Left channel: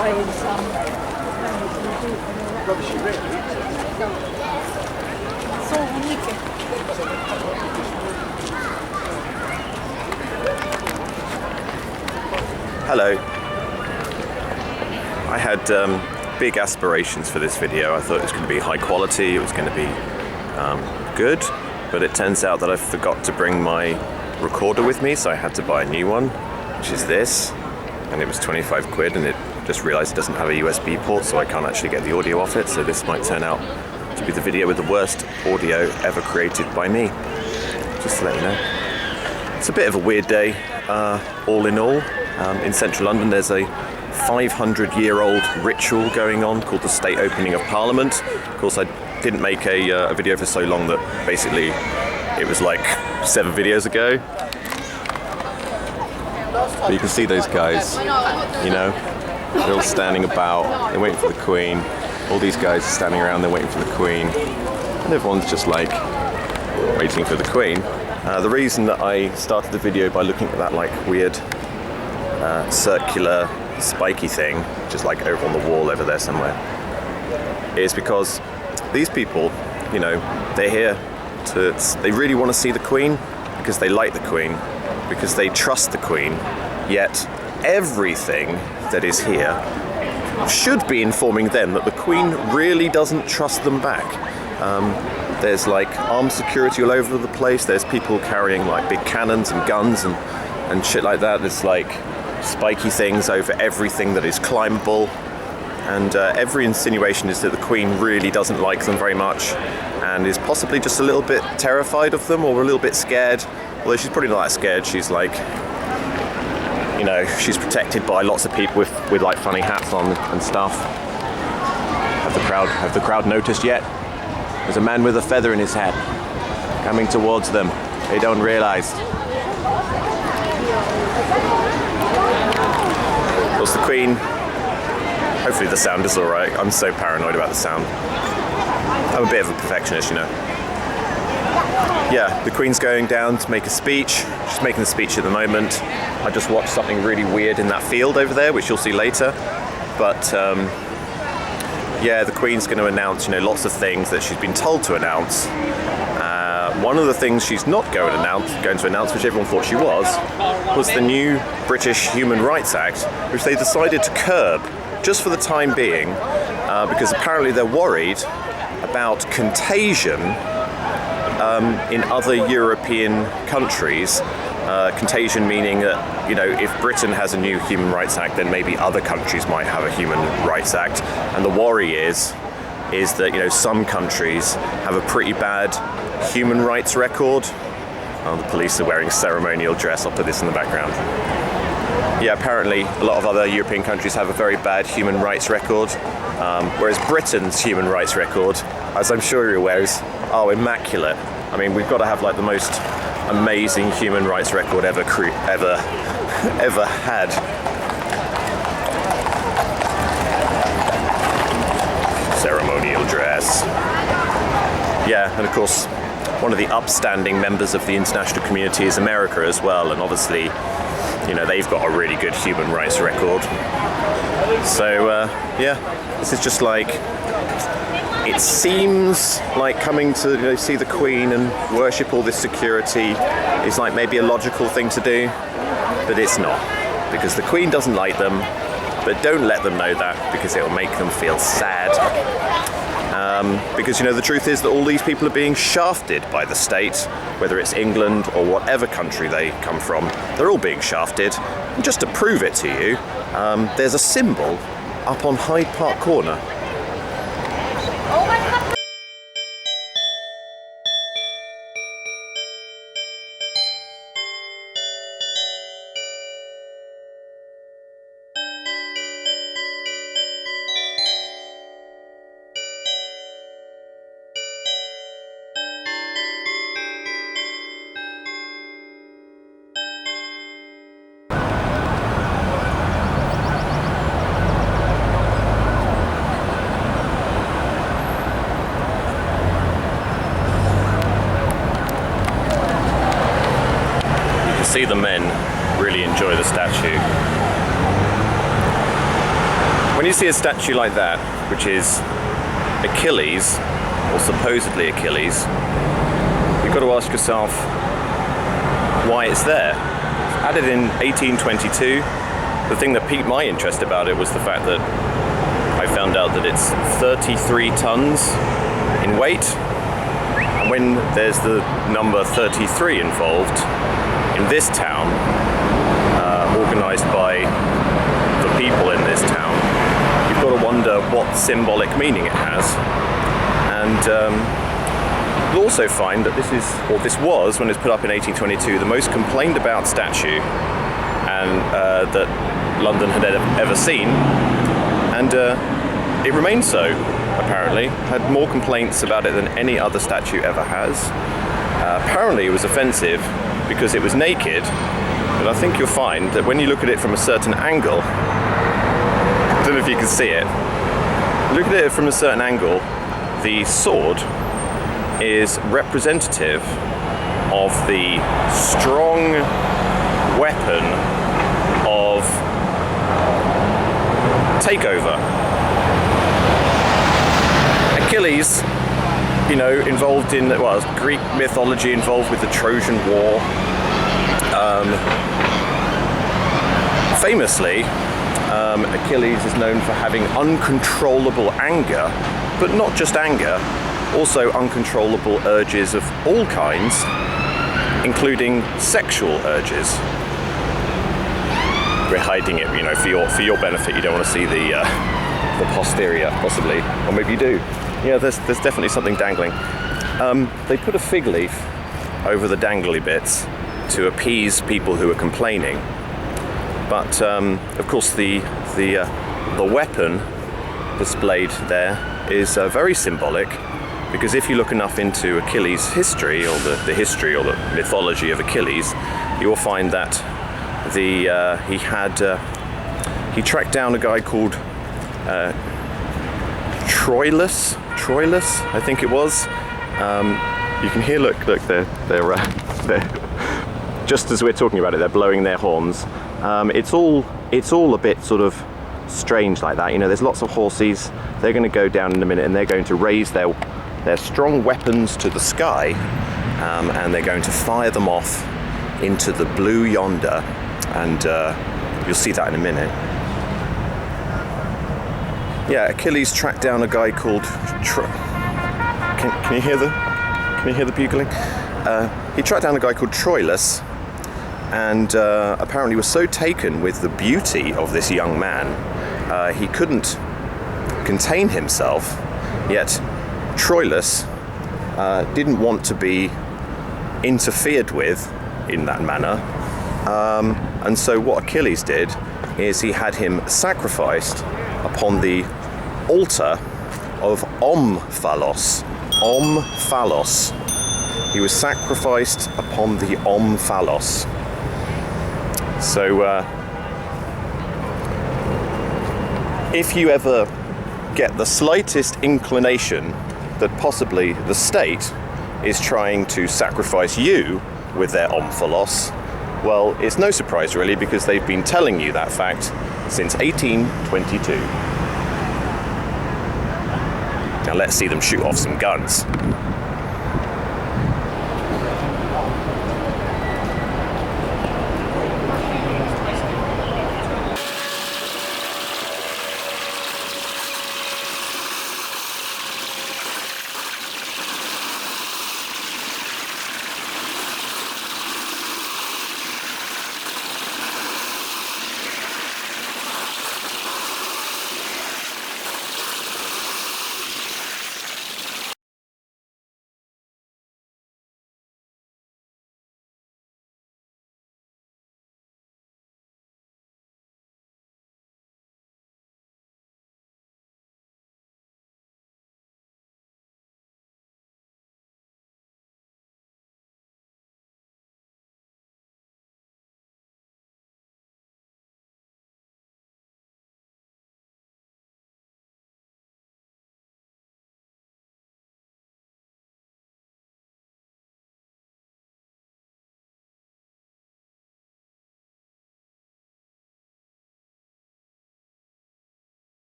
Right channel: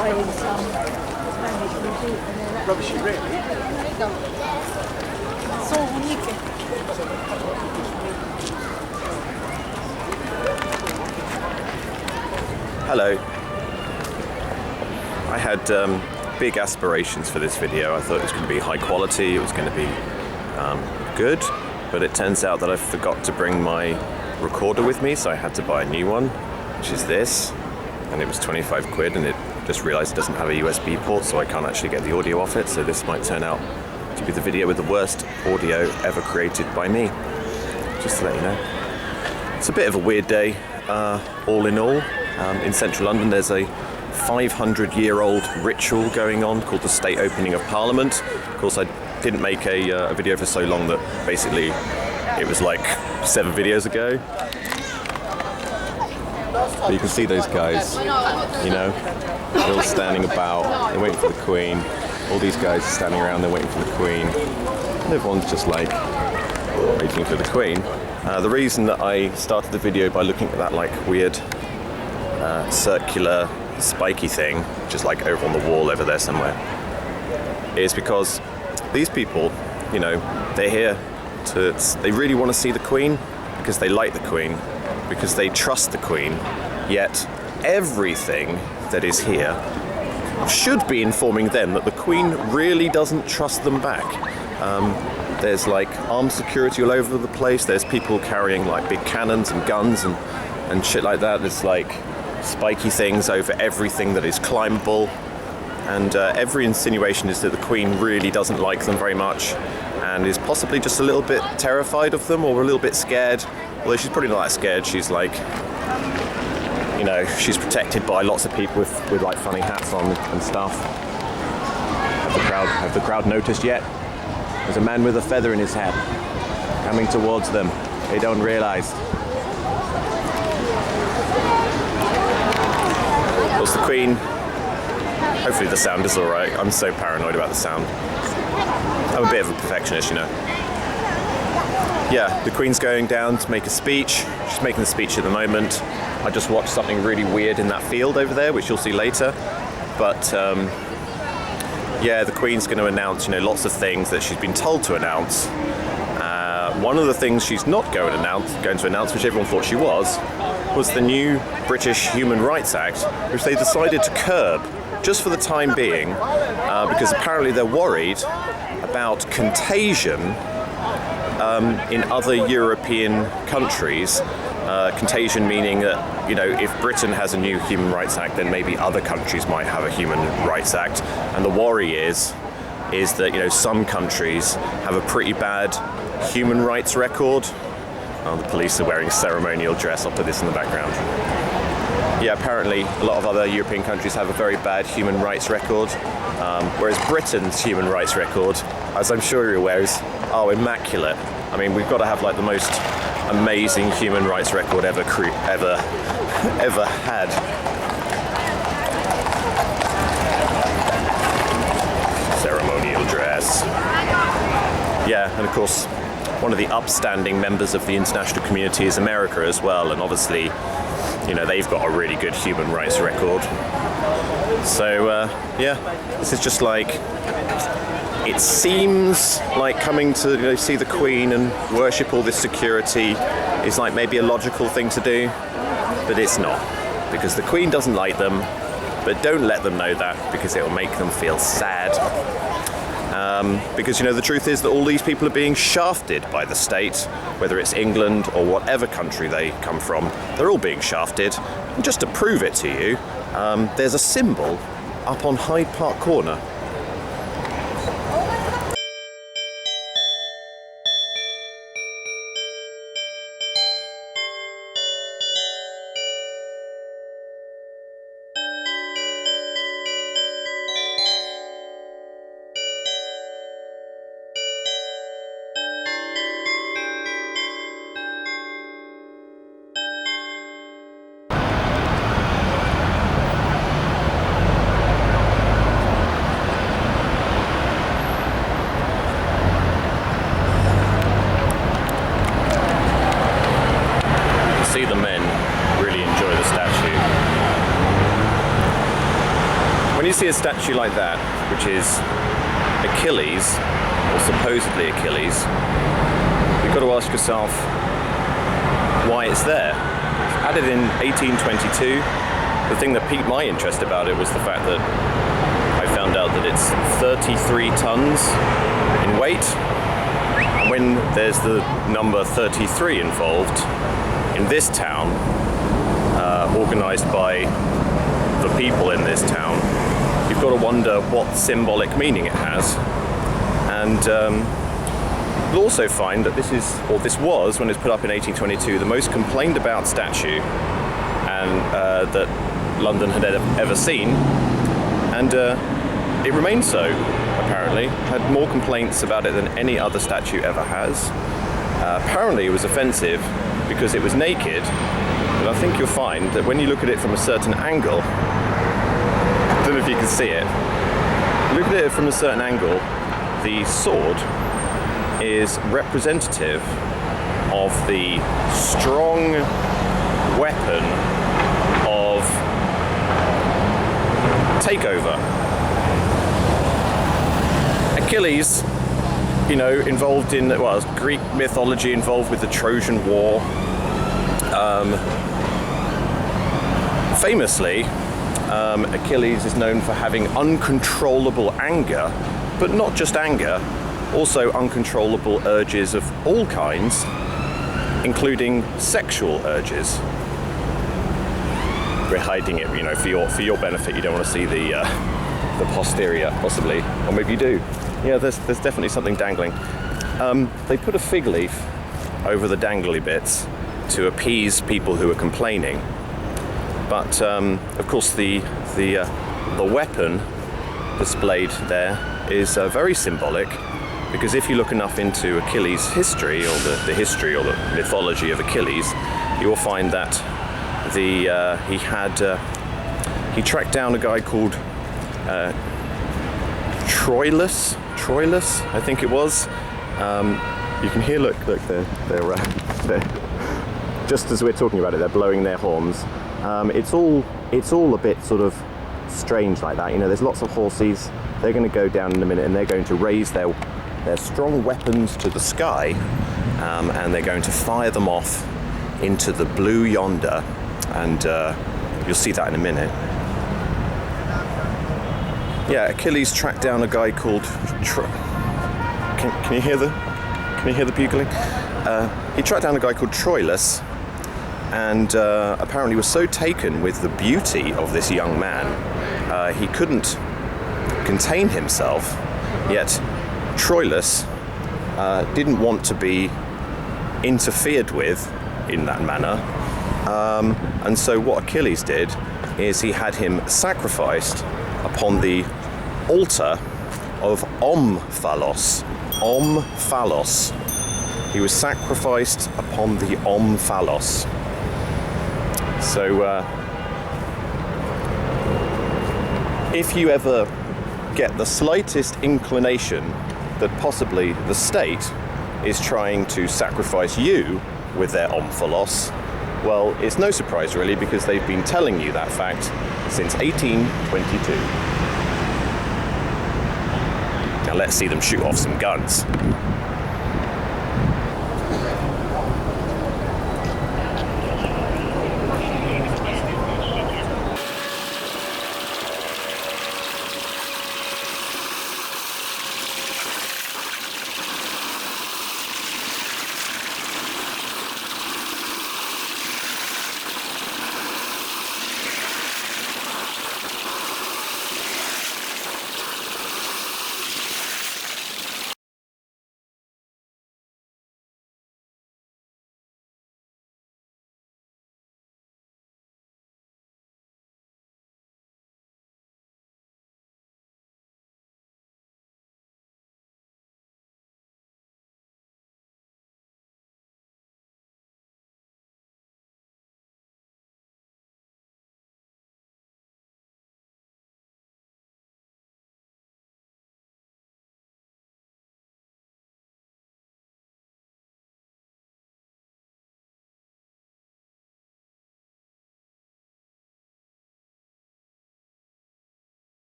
buying some Rubbish, really? so unique. Hello. I had big aspirations for this video. I thought it was going to be high quality, it was going to be good, but it turns out that I forgot to bring my recorder with me, so I had to buy a new one, which is this, and it was 25 quid, and it just realized it doesn't have a USB port, so I can't actually get the audio off it, so this might turn out to be the video with the worst audio ever created by me, just to let you know. It's a bit of a weird day, all in all. In central London there's a 500-year-old ritual going on called the State Opening of Parliament. Of course, I didn't make a video for so long that basically it was like 7 videos ago. But you can see those guys, you know, they're all standing about, they're waiting for the Queen. All these guys are standing around, they're waiting for the Queen. And everyone's just like waiting for the Queen. The reason that I started the video by looking at that like weird circular spiky thing, which is like over on the wall over there somewhere, is because these people, you know, they're here they really want to see the Queen because they like the Queen, because they trust the Queen, yet everything that is here should be informing them that the Queen really doesn't trust them back. There's like armed security all over the place, there's people carrying like big cannons and guns and shit like that, there's like spiky things over everything that is climbable, and every insinuation is that the Queen really doesn't like them very much and is possibly just a little bit terrified of them or a little bit scared, although she's probably not that scared. She's like, you know, she's protected by lots of people with like funny hats on and stuff. Have the crowd noticed yet? There's a man with a feather in his hat coming towards them. They don't realize. Of course, the Queen, hopefully the sound is alright. I'm so paranoid about the sound. I'm a bit of a perfectionist, you know. Yeah, the Queen's going down to make a speech. She's making the speech at the moment. I just watched something really weird in that field over there, which you'll see later. But yeah, the Queen's going to announce, you know, lots of things that she's been told to announce. One of the things she's not going to announce, which everyone thought she was the new British Human Rights Act, which they decided to curb just for the time being, because apparently they're worried about contagion in other European countries. Contagion meaning that, you know, if Britain has a new Human Rights Act, then maybe other countries might have a Human Rights Act. And the worry is that, you know, some countries have a pretty bad human rights record. Oh, the police are wearing ceremonial dress. I'll put this in the background. Yeah, apparently a lot of other European countries have a very bad human rights record, whereas Britain's human rights record, as I'm sure you're aware, is immaculate. I mean, we've got to have like the most amazing human rights record ever had. Ceremonial dress. Yeah, and of course, one of the upstanding members of the international community is America as well, and obviously, you know, they've got a really good human rights record. So, yeah, this is just like, it seems like coming to, you know, see the Queen and worship all this security is like maybe a logical thing to do, but it's not, because the Queen doesn't like them, but don't let them know that, because it will make them feel sad. Because, you know, the truth is that all these people are being shafted by the state, whether it's England or whatever country they come from, they're all being shafted. And just to prove it to you, there's a symbol up on Hyde Park Corner. you see a statue like that, which is Achilles, or supposedly Achilles, you've got to ask yourself why it's there. It's added in 1822. The thing that piqued my interest about it was the fact that I found out that it's 33 tons in weight. And when there's the number 33 involved in this town, organised by the people in this town, you've got to wonder what symbolic meaning it has. And you'll also find that this was, when it was put up in 1822, the most complained about statue and that London had ever seen, and it remains so, apparently. Had more complaints about it than any other statue ever has. Apparently it was offensive because it was naked, but I think you'll find that when you look at it from a certain angle, I don't know if you can see it, look at it from a certain angle, the sword is representative of the strong weapon of takeover. Achilles, involved in, Greek mythology, involved with the Trojan War. Famously, Achilles is known for having uncontrollable anger, but not just anger, also uncontrollable urges of all kinds, including sexual urges. We're hiding it, for your benefit. You don't want to see the posterior, possibly, or maybe you do. Yeah, there's definitely something dangling. They put a fig leaf over the dangly bits to appease people who are complaining. But of course, the weapon displayed there is very symbolic, because if you look enough into Achilles' history, or the history or the mythology of Achilles, you will find that he tracked down a guy called Troilus, I think it was. You can hear, look, they're just as we're talking about it, they're blowing their horns. It's all a bit sort of strange like that. There's lots of horses. They're going to go down in a minute, and they're going to raise their strong weapons to the sky, and they're going to fire them off into the blue yonder, and you'll see that in a minute. Yeah, Achilles tracked down a guy called Can you hear the bugling? He tracked down a guy called Troilus, and apparently was so taken with the beauty of this young man, he couldn't contain himself. Yet Troilus didn't want to be interfered with in that manner, and so what Achilles did is he had him sacrificed upon the altar of Omphalos. Omphalos. He was sacrificed upon the Omphalos. So if you ever get the slightest inclination that possibly the state is trying to sacrifice you with their Omphalos, well, it's no surprise really, because they've been telling you that fact since 1822. Now let's see them shoot off some guns.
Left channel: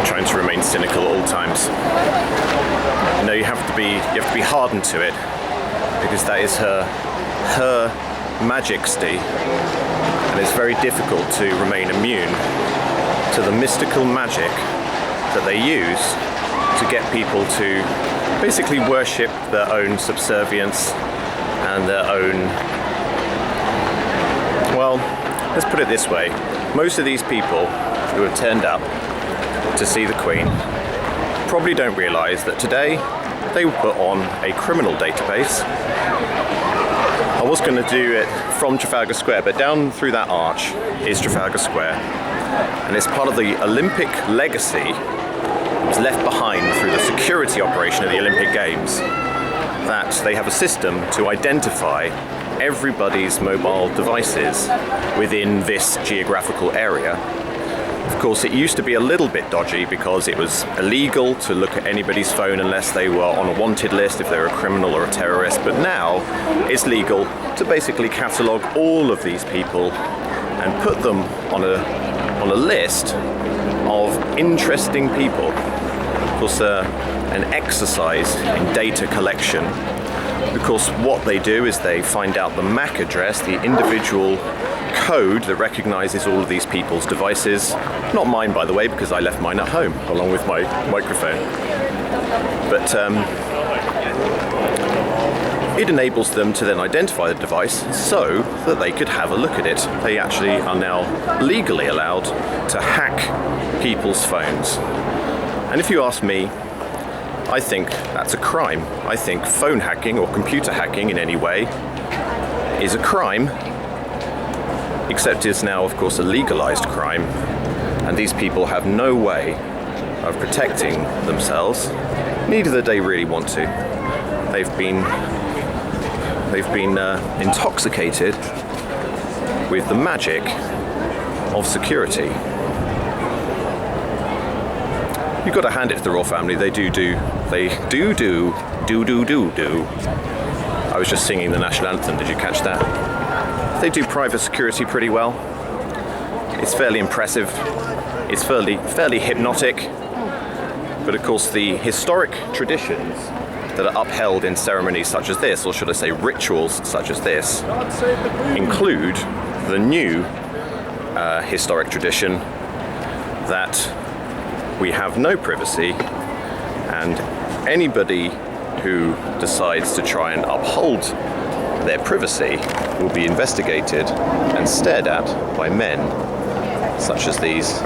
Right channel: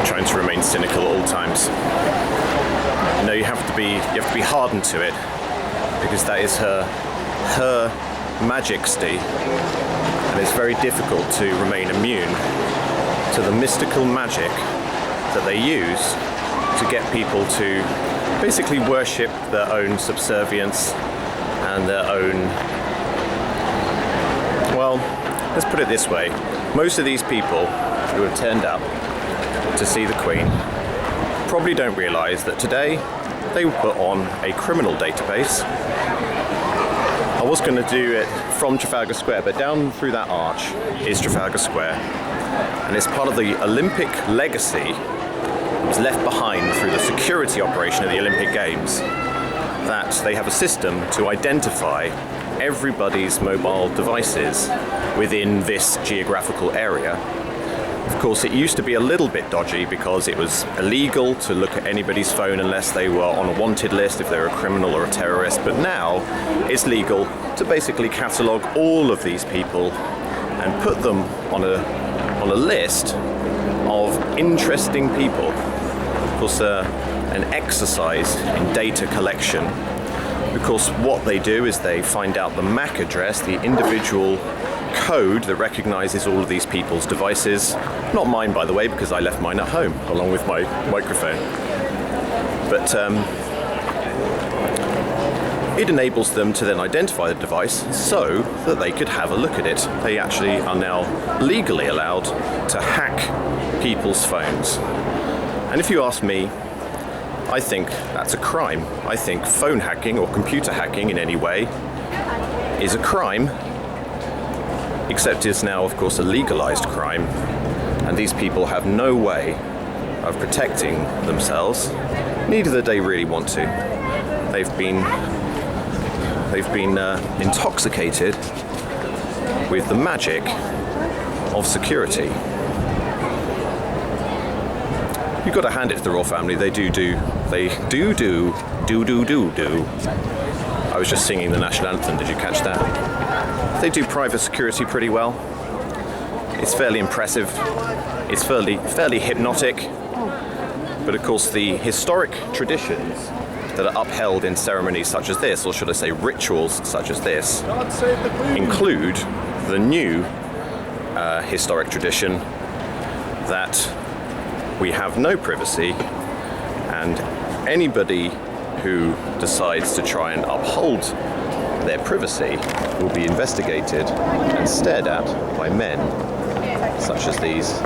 I'm trying to remain cynical at all times. You know, you have to be hardened to it, because that is her majesty, and it's very difficult to remain immune to the mystical magic that they use to get people to basically worship their own subservience and their own, well, let's put it this way. Most of these people who have turned up to see the Queen probably don't realise that today they were put on a criminal database. I was going to do it from Trafalgar Square, but down through that arch is Trafalgar Square, and it's part of the Olympic legacy that was left behind through the security operation of the Olympic Games, that they have a system to identify everybody's mobile devices within this geographical area. Of course, it used to be a little bit dodgy because it was illegal to look at anybody's phone unless they were on a wanted list, if they were a criminal or a terrorist. But now it's legal to basically catalogue all of these people and put them on a list of interesting people. Of course, an exercise in data collection. Of course, what they do is they find out the MAC address, the individual code that recognizes all of these people's devices. Not mine, by the way, because I left mine at home along with my microphone. But it enables them to then identify the device so that they could have a look at it. They actually are now legally allowed to hack people's phones. And if you ask me, I think that's a crime. I think phone hacking or computer hacking in any way is a crime, except it's now, of course, a legalized crime, and these people have no way of protecting themselves. Neither do they really want to. They've been intoxicated with the magic of security. You've got to hand it to the royal family. They do. I was just singing the national anthem. Did you catch that? They do private security pretty well. It's fairly impressive. It's fairly hypnotic. But of course, the historic traditions that are upheld in ceremonies such as this, or should I say rituals such as this, include the new historic tradition that we have no privacy, and anybody who decides to try and uphold their privacy will be investigated and stared at by men such as these.